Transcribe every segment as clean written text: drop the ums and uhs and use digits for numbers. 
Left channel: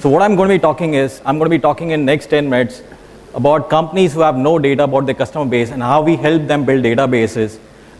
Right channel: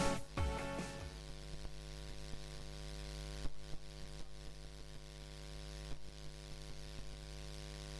So what I'm going to be talking is, I'm going to be talking in next 10 minutes about companies who have no data about their customer base and how we help them build databases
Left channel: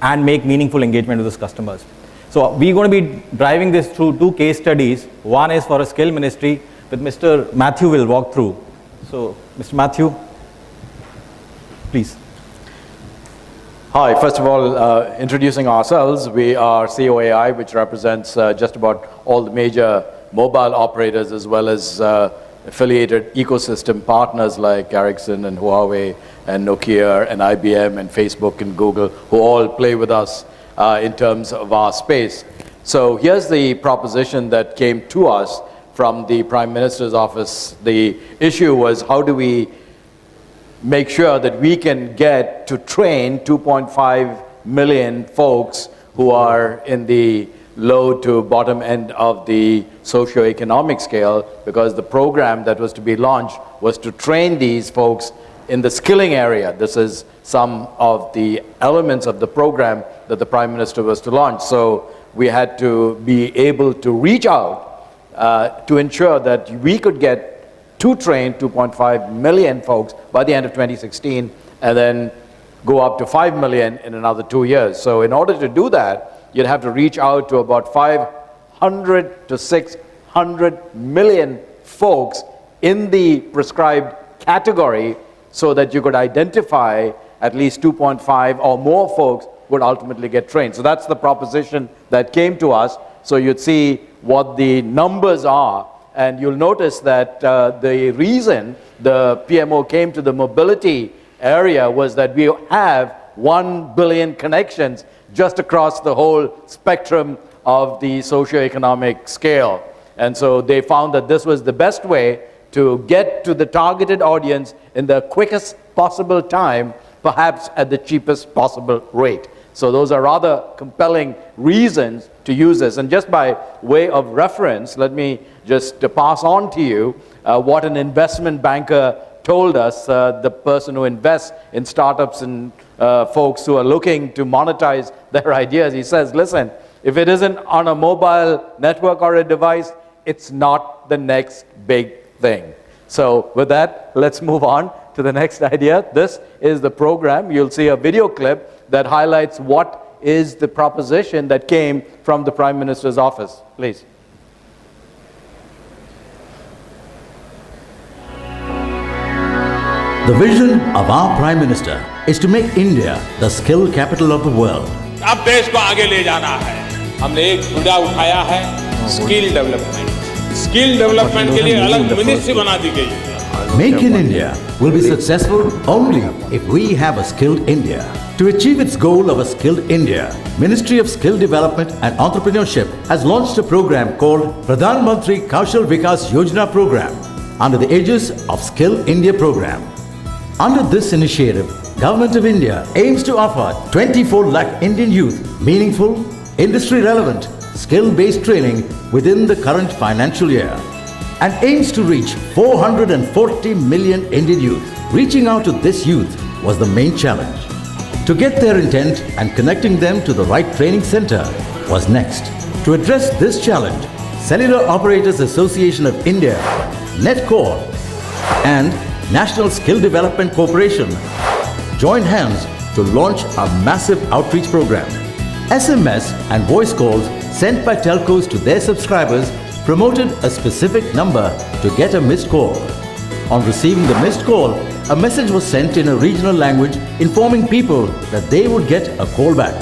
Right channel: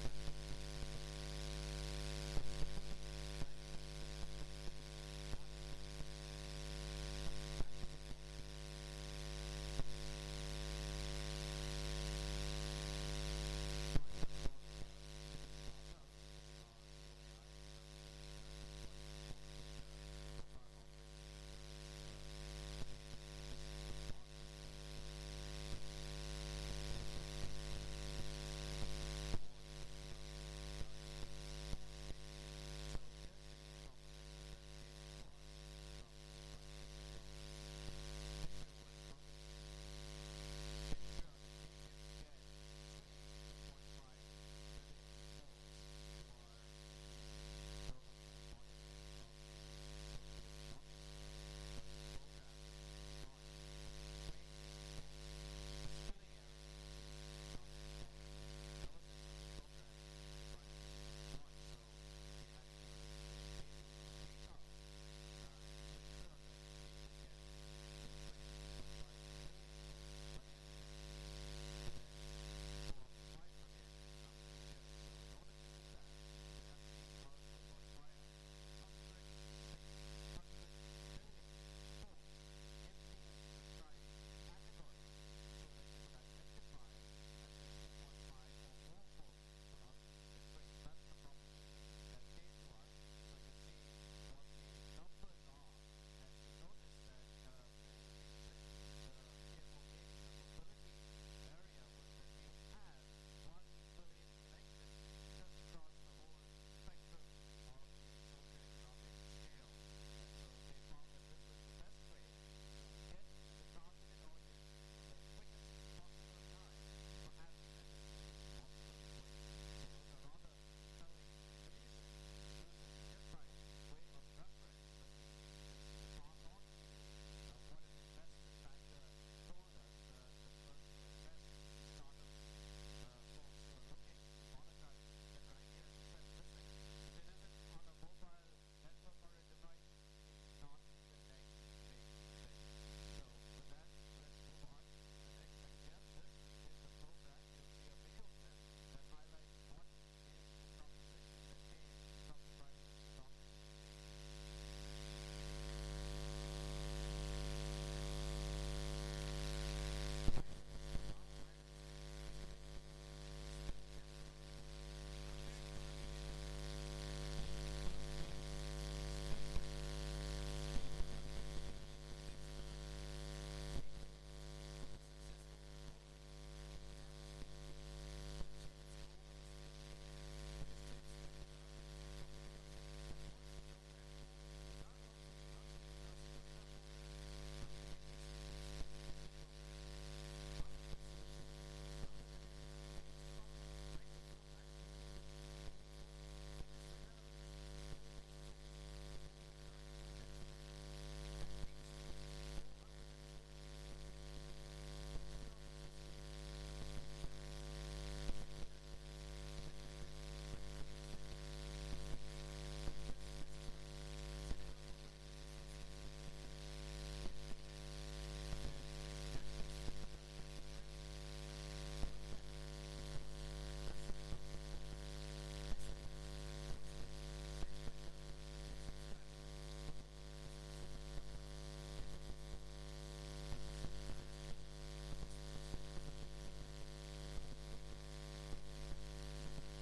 and make meaningful engagement with those customers. So we're going to be driving this through two case studies. One is for a skill ministry that Mr. Matthew will walk through. So Mr. Matthew, please. Hi, first of all, introducing ourselves, we are COAI, which represents just about all the major mobile operators as well as affiliated ecosystem partners like Ericsson and Huawei and Nokia and IBM and Facebook and Google, who all play with us in terms of our space. So here's the proposition that came to us from the Prime Minister's office. The issue was, how do we make sure that we can get to train 2.5 million folks who are in the low to bottom end of the socioeconomic scale, because the program that was to be launched was to train these folks in the skilling area. This is some of the elements of the program that the Prime Minister was to launch. So we had to be able to reach out to ensure that we could get to train 2.5 million folks by the end of 2016, and then go up to 5 million in another 2 years. So in order to do that, you'd have to reach out to about 500 to 600 million folks in the prescribed category, so that you could identify at least 2.5 or more folks would ultimately get trained. So that's the proposition that came to us. So you'd see what the numbers are. And you'll notice that the reason the PMO came to the mobility area was that we have 1 billion connections just across the whole spectrum of the socioeconomic scale. And so they found that this was the best way to get to the targeted audience in the quickest possible time, perhaps at the cheapest possible rate. So those are rather compelling reasons to use this. And just by way of reference, let me just pass on to you what an investment banker told us, the person who invests in startups and folks who are looking to monetize their ideas. He says, listen, if it isn't on a mobile network or a device, it's not the next big thing. So with that, let's move on to the next idea. This is the program. You'll see a video clip that highlights what is the proposition that came from the Prime Minister's office. Please. The vision of our Prime Minister is to make India the skill capital of the world. अब देश को आगे ले जाना है. हमने एक मुद्दा उठाया है, स्किल डेवलपमेंट. स्किल डेवलपमेंट के लिए अलग मिनिस्ट्री बना दी गई है. Make in India will be successful only if we have a skilled India. To achieve its goal of a skilled India, Ministry of Skill Development and Entrepreneurship has launched a program called Pradhan Mantri Kaushal Vikas Yojana Program under the aegis of Skill India Program. Under this initiative, Government of India aims to offer 24 lakh Indian youth meaningful, industry-relevant, skill-based training within the current financial year, and aims to reach 440 million Indian youth. Reaching out to this youth was the main challenge. To get their intent and connecting them to the right training center was next. To address this challenge, Cellular Operators Association of India, NetCore, and National Skill Development Corporation joined hands to launch a massive outreach program. SMS and voice calls sent by telcos to their subscribers promoted a specific number to get a missed call. On receiving the missed call, a message was sent in a regional language informing people that they would get a call back.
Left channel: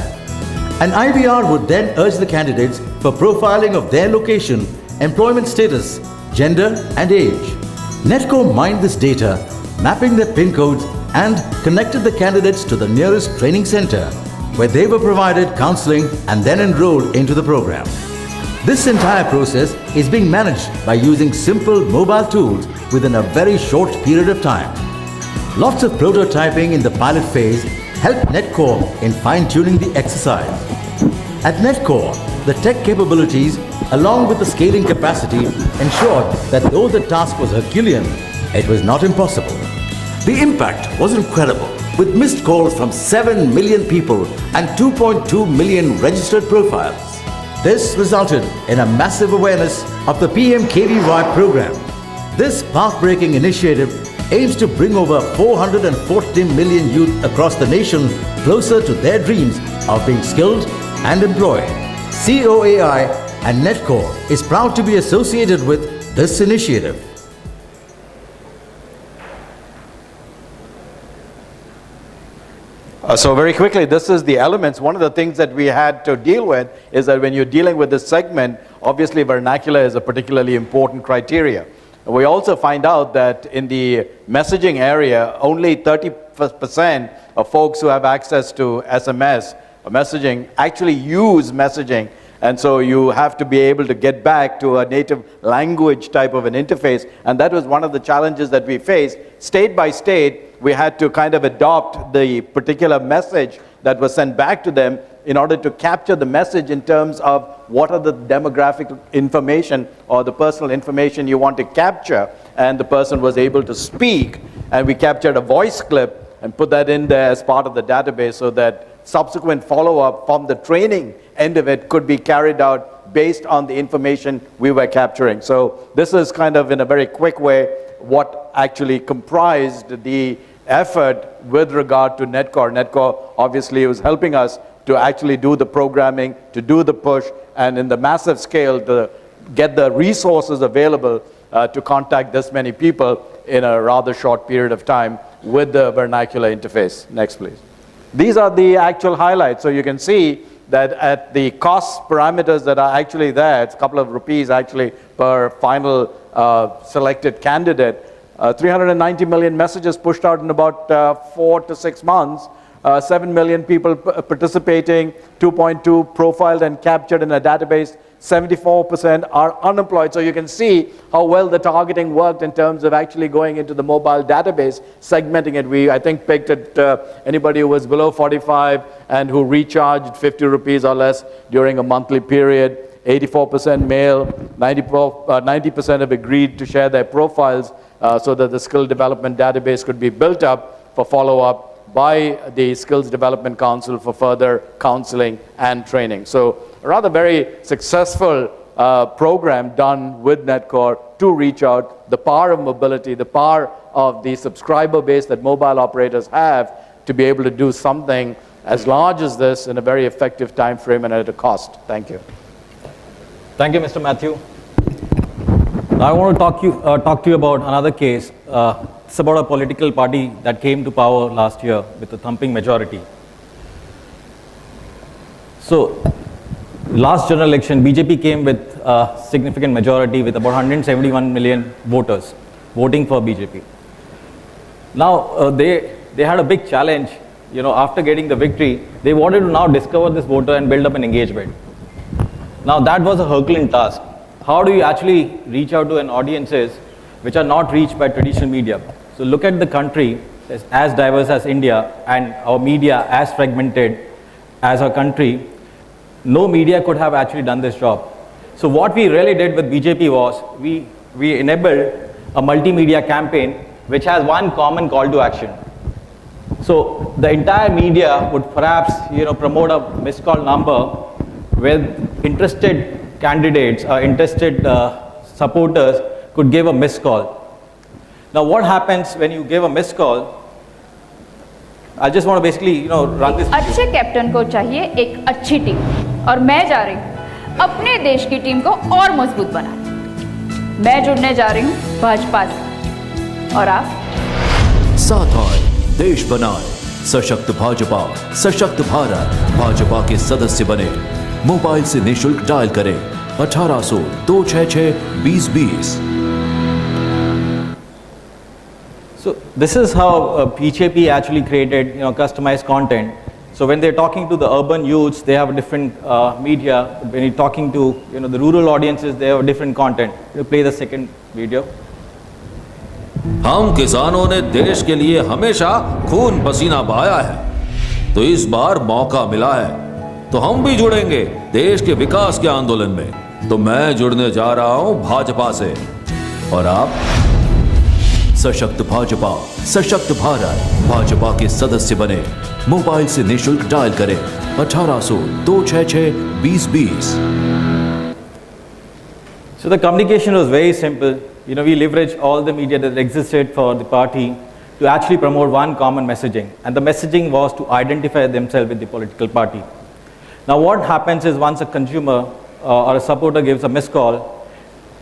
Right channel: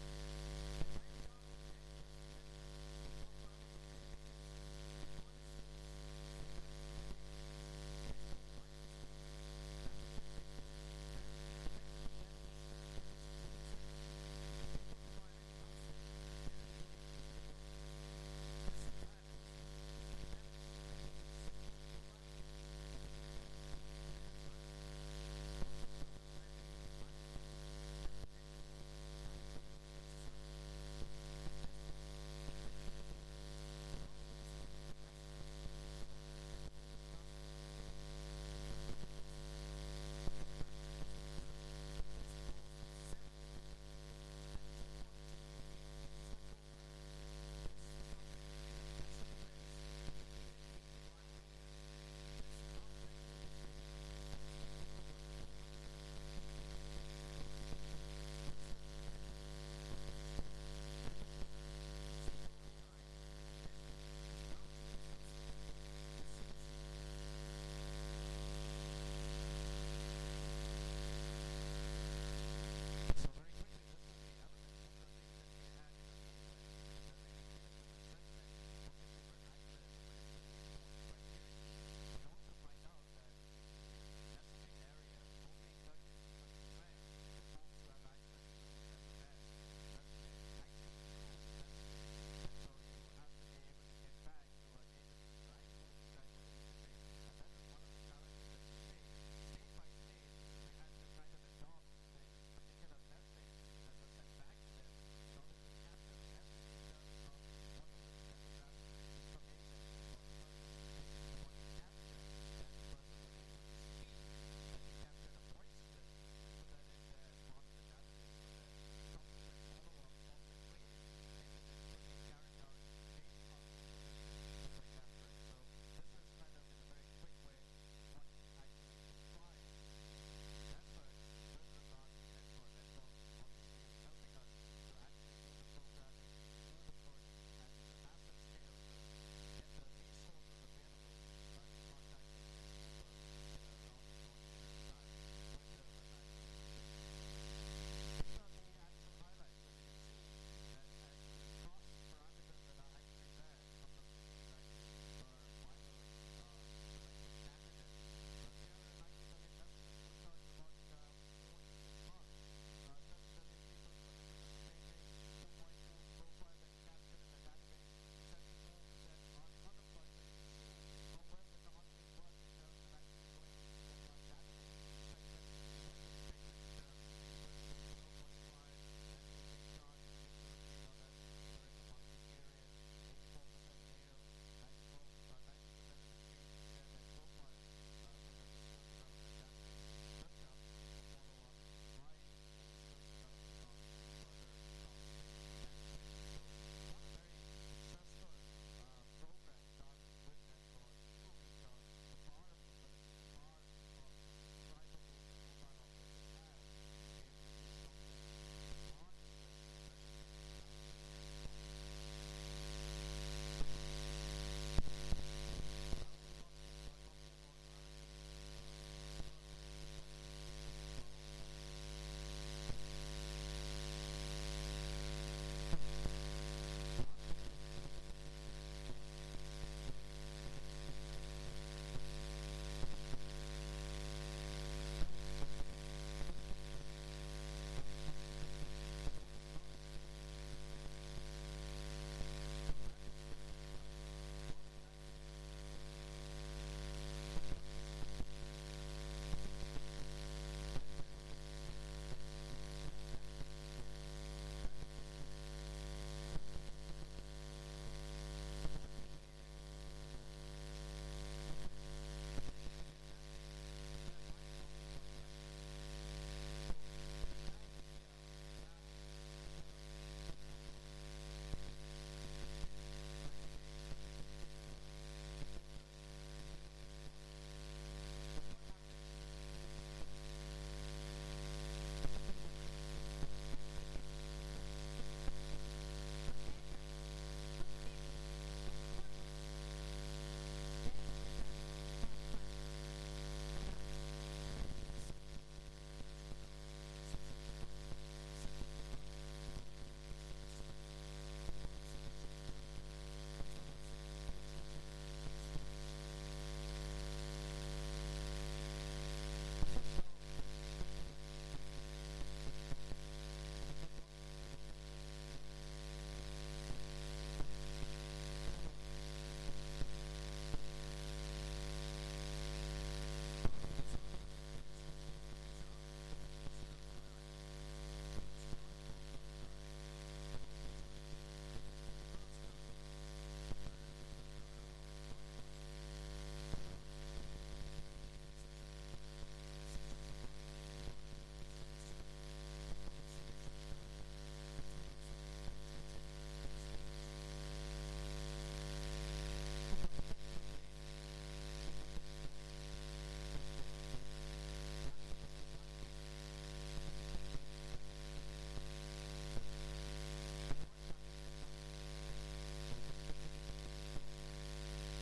An IVR would then urge the candidates for profiling of their location, employment status, gender and age. NetCore mined this data, mapping their PIN codes, and connected the candidates to the nearest training center, where they were provided counseling and then enrolled into the program. This entire process is being managed by using simple mobile tools within a very short period of time. Lots of prototyping in the pilot phase helped NetCore in fine-tuning the exercise. At NetCore, the tech capabilities along with the scaling capacity ensured that though the task was Herculean, it was not impossible. The impact was incredible, with missed calls from 7 million people and 2.2 million registered profiles. This resulted in a massive awareness of the PMKVY program. This path-breaking initiative aims to bring over 440 million youth across the nation closer to their dreams of being skilled and employed. COAI and Netcore is proud to be associated with this initiative. So very quickly, this is the elements. One of the things that we had to deal with is that when you're dealing with this segment, obviously vernacular is a particularly important criteria. We also find out that in the messaging area, only 30% of folks who have access to SMS or messaging actually use messaging. And so you have to be able to get back to a native language type of an interface. And that was one of the challenges that we faced. State by state, we had to kind of adopt the particular message that was sent back to them in order to capture the message in terms of what are the demographic information or the personal information you want to capture. And the person was able to speak, and we captured a voice clip and put that in there as part of the database so that subsequent follow-up from the training end of it could be carried out based on the information we were capturing. So this is kind of, in a very quick way, what actually comprised the effort with regard to Netcore. Netcore obviously was helping us to actually do the programming, to do the push, and in the massive scale to get the resources available to contact this many people in a rather short period of time with the vernacular interface. Next, please. These are the actual highlights. So you can see that at the cost parameters that are actually there, it's a couple of rupees actually per final selected candidate. 390 million messages pushed out in about 4 to 6 months. 7 million people participating, 2.2 profiled and captured in a database. 74% are unemployed. So you can see how well the targeting worked in terms of actually going into the mobile database, segmenting it. We, I think, picked at anybody who was below 45 and who recharged 50 rupees or less during a monthly period. 84% male, 90% have agreed to share their profiles so that the skill development database could be built up for follow-up by the Skills Development Council for further counseling and training. So a rather very successful program done with Netcore to reach out, the power of mobility, the power of the subscriber base that mobile operators have to be able to do something as large as this in a very effective time frame and at a cost. Thank you. Thank you, Mr. Matthew. Now I want to talk to you about another case. It's about a political party that came to power last year with a thumping majority. So, last general election, BJP came with a significant majority with about 171 million voters voting for BJP. Now, they had a big challenge. You know, after getting the victory, they wanted to now discover this voter and build up an engagement. Now, that was a Herculean task. How do you actually reach out to an audiences which are not reached by traditional media? So look at the country as diverse as India and our media as fragmented as our country. No media could have actually done this job. So what we really did with BJP was we enabled a multimedia campaign which has one common call to action. So the entire media would perhaps promote a missed call number with interested candidates or interested supporters could give a missed call. Now what happens when you give a missed call? I just want to basically run this. अच्छे captain को चाहिए एक अच्छी team और मैं जा रही हूँ अपने देश की टीम को और मजबूत बनाने। मैं जुड़ने जा रही हूँ भाजपा से और आप? साथ आए, देश बनाए, सशक्त भाजपा, सशक्त भारत, भाजपा के सदस्य बने। मोबाइल से निशुल्क डायल करें 1800 266 2020। So this is how BJP actually created customized content. So when they're talking to the urban youths, they have a different media. When you're talking to the rural audiences, they have a different content. You play the second video. हम किसानों ने देश के लिए हमेशा खून पसीना बहाया है, तो इस बार मौका मिला है, तो हम भी जुड़ेंगे देश के विकास के आंदोलन में। तो मैं जुड़ने जा रहा हूं भाजपा से, और आप? सशक्त भाजपा, सशक्त भारत, भाजपा के सदस्य बने। मोबाइल से निशुल्क डायल करें 1800 266 2020। So the communication was very simple. we leverage all the media that existed for the party to actually promote one common messaging. And the messaging was to identify themselves with the political party. Now what happens is once a consumer or a supporter gives a missed call,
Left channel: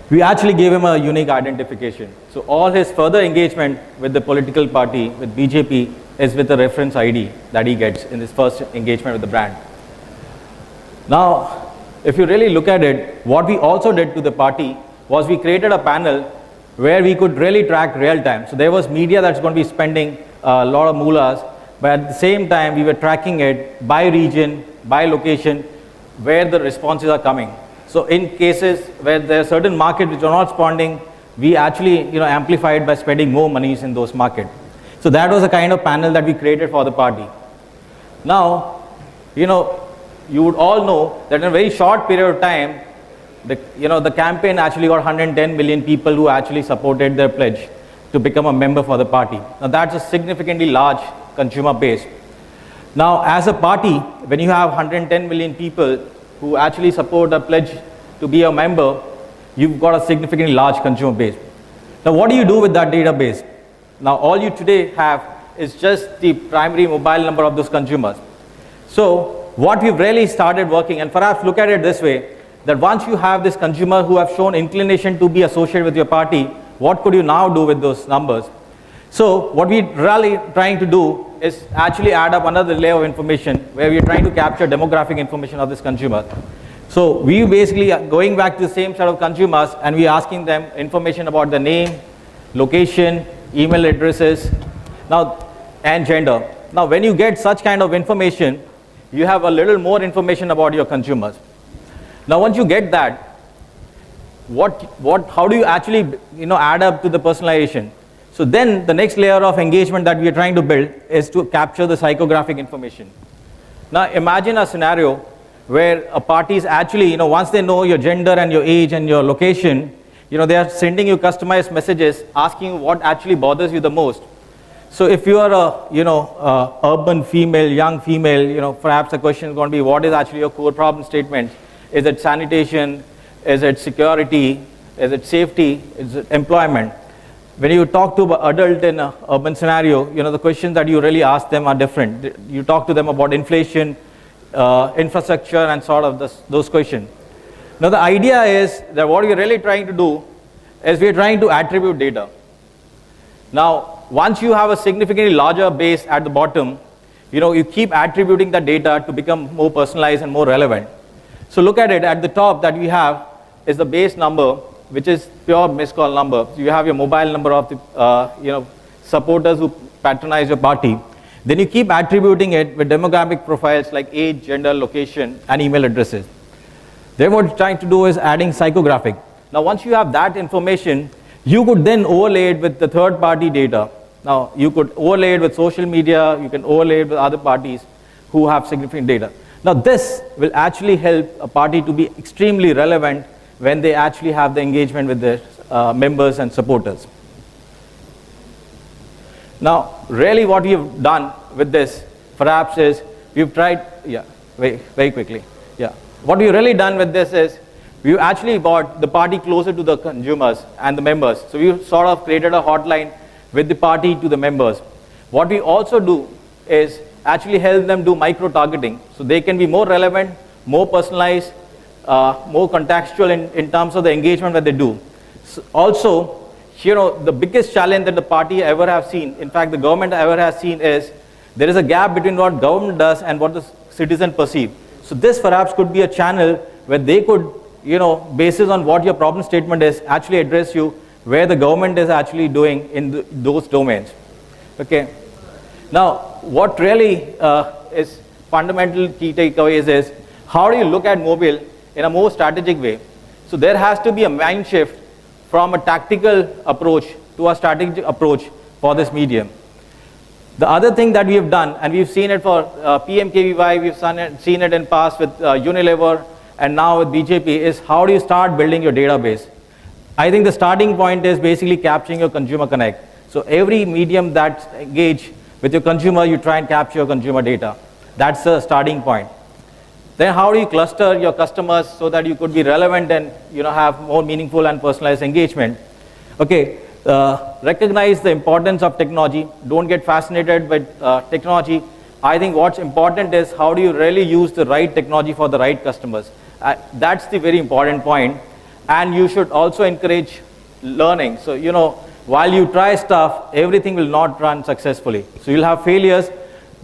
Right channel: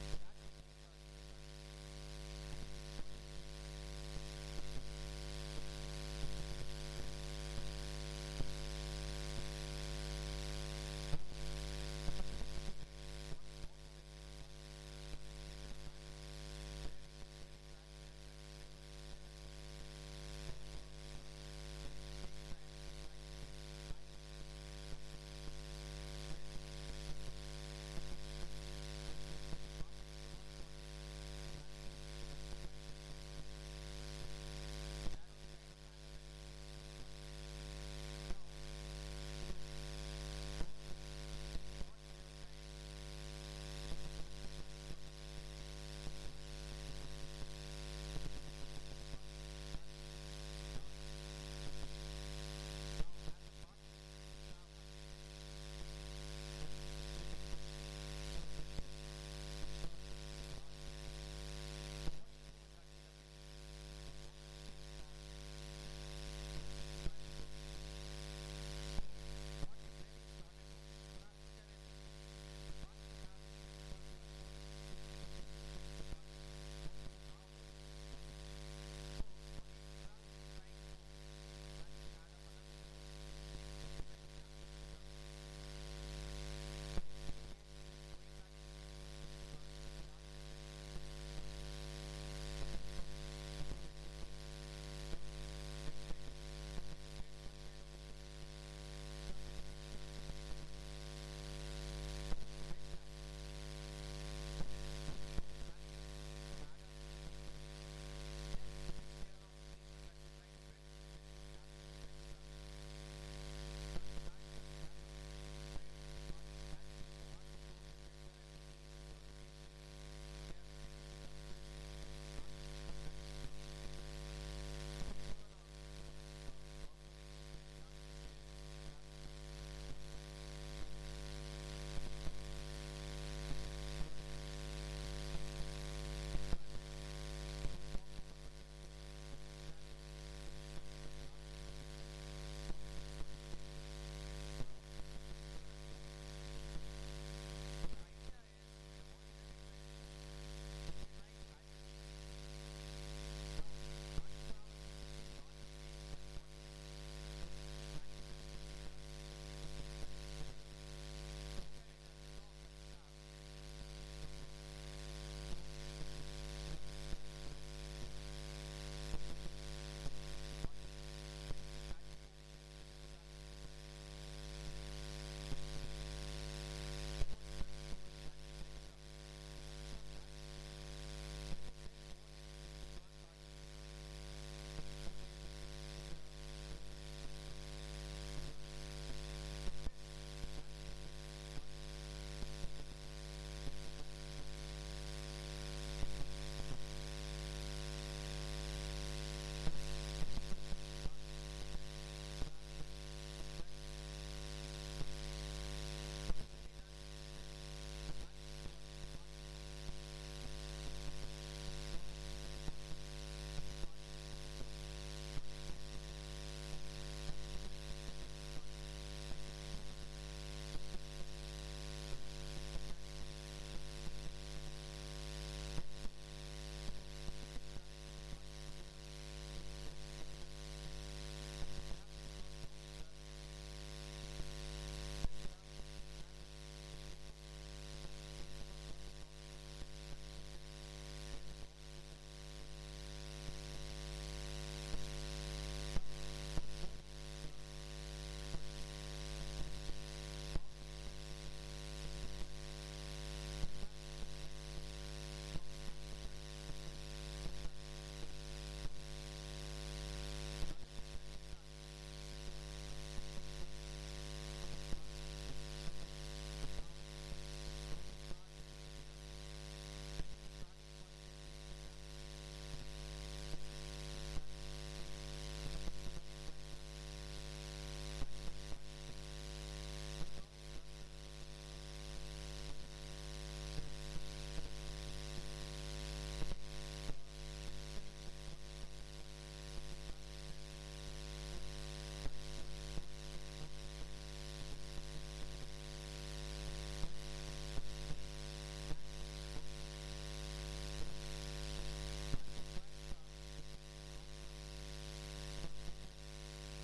we actually gave him a unique identification. So all his further engagement with the political party, with BJP, is with the reference ID that he gets in his first engagement with the brand. Now, if you really look at it, what we also did to the party was we created a panel where we could really track real time. So there was media that's going to be spending a lot of moolahs, but at the same time, we were tracking it by region, by location, where the responses are coming. So in cases where there are certain markets which are not responding, we actually amplified by spending more monies in those markets. So that was the kind of panel that we created for the party. Now, you would all know that in a very short period of time, the campaign actually got 110 million people who actually supported their pledge to become a member for the party. Now that's a significantly large consumer base. Now as a party, when you have 110 million people who actually support a pledge to be a member, you've got a significantly large consumer base. Now what do you do with that database? Now all you today have is just the primary mobile number of those consumers. So what we've really started working, and perhaps look at it this way, that once you have this consumer who have shown inclination to be associated with your party, what could you now do with those numbers? So what we're really trying to do is actually add up another layer of information where we're trying to capture demographic information of this consumer. So we basically are going back to the same set of consumers and we're asking them information about the name, location, email addresses, and gender. Now when you get such kind of information, you have a little more information about your consumers. Now once you get that, how do you actually add up to the personalization? So then the next layer of engagement that we are trying to build is to capture the psychographic information. Now imagine a scenario where a party is actually, once they know your gender and your age and your location, they are sending you customized messages asking you what actually bothers you the most. So if you are a urban female, young female, perhaps the question is going to be what is actually your core problem statement? Is it sanitation? Is it security? Is it safety? Is it employment? When you talk to an adult in an urban scenario, the questions that you really ask them are different. You talk to them about inflation, infrastructure, and sort of those questions. Now the idea is that what we're really trying to do is we're trying to attribute data. Now, once you have a significantly larger base at the bottom, you keep attributing the data to become more personalized and more relevant. So look at it, at the top that we have is the base number, which is pure missed call number. You have your mobile number of the supporters who patronize your party. Then you keep attributing it with demographic profiles like age, gender, location, and email addresses. Then what we're trying to do is adding psychographic. Now once you have that information, you could then overlay it with the third party data. Now you could overlay it with social media, you can overlay it with other parties who have significant data. Now this will actually help a party to be extremely relevant when they actually have the engagement with their members and supporters. Now, really what we've done with this, perhaps, is we've tried, very quickly. What we've really done with this is we've actually brought the party closer to the consumers and the members. So we've sort of created a hotline with the party to the members. What we also do is actually help them do micro-targeting, so they can be more relevant, more personalized, more contextual in terms of the engagement that they do. So also, the biggest challenge that the party ever have seen, in fact the government ever has seen, is there is a gap between what government does and what the citizen perceive. So this perhaps could be a channel where they could, basis on what your problem statement is, actually address you where the government is actually doing in those domains. Okay. Now, what really is fundamental key takeaways is how do you look at mobile in a more strategic way? So there has to be a mind shift from a tactical approach to a strategic approach for this medium. The other thing that we have done, and we've seen it for PMKVY, we've seen it in past with Unilever, and now with BJP, is how do you start building your database? I think the starting point is basically capturing your consumer connect. So every medium that's engaged with your consumer, you try and capture your consumer data. That's the starting point. Then how do you cluster your customers so that you could be relevant and have more meaningful and personalized engagement? Okay, recognize the importance of technology. Don't get fascinated with technology. I think what's important is how do you really use the right technology for the right customers. That's the very important point. And you should also encourage learning. So, you know, while you try stuff, everything will not run successfully. So you'll have failures,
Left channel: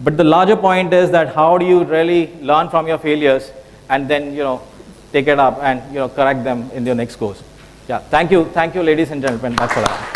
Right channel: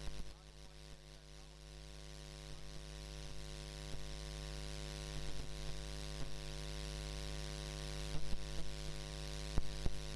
but the larger point is that how do you really learn from your failures and then, you know, take it up and, you know, correct them in your next course. Yeah, thank you, ladies and gentlemen. That's all I have.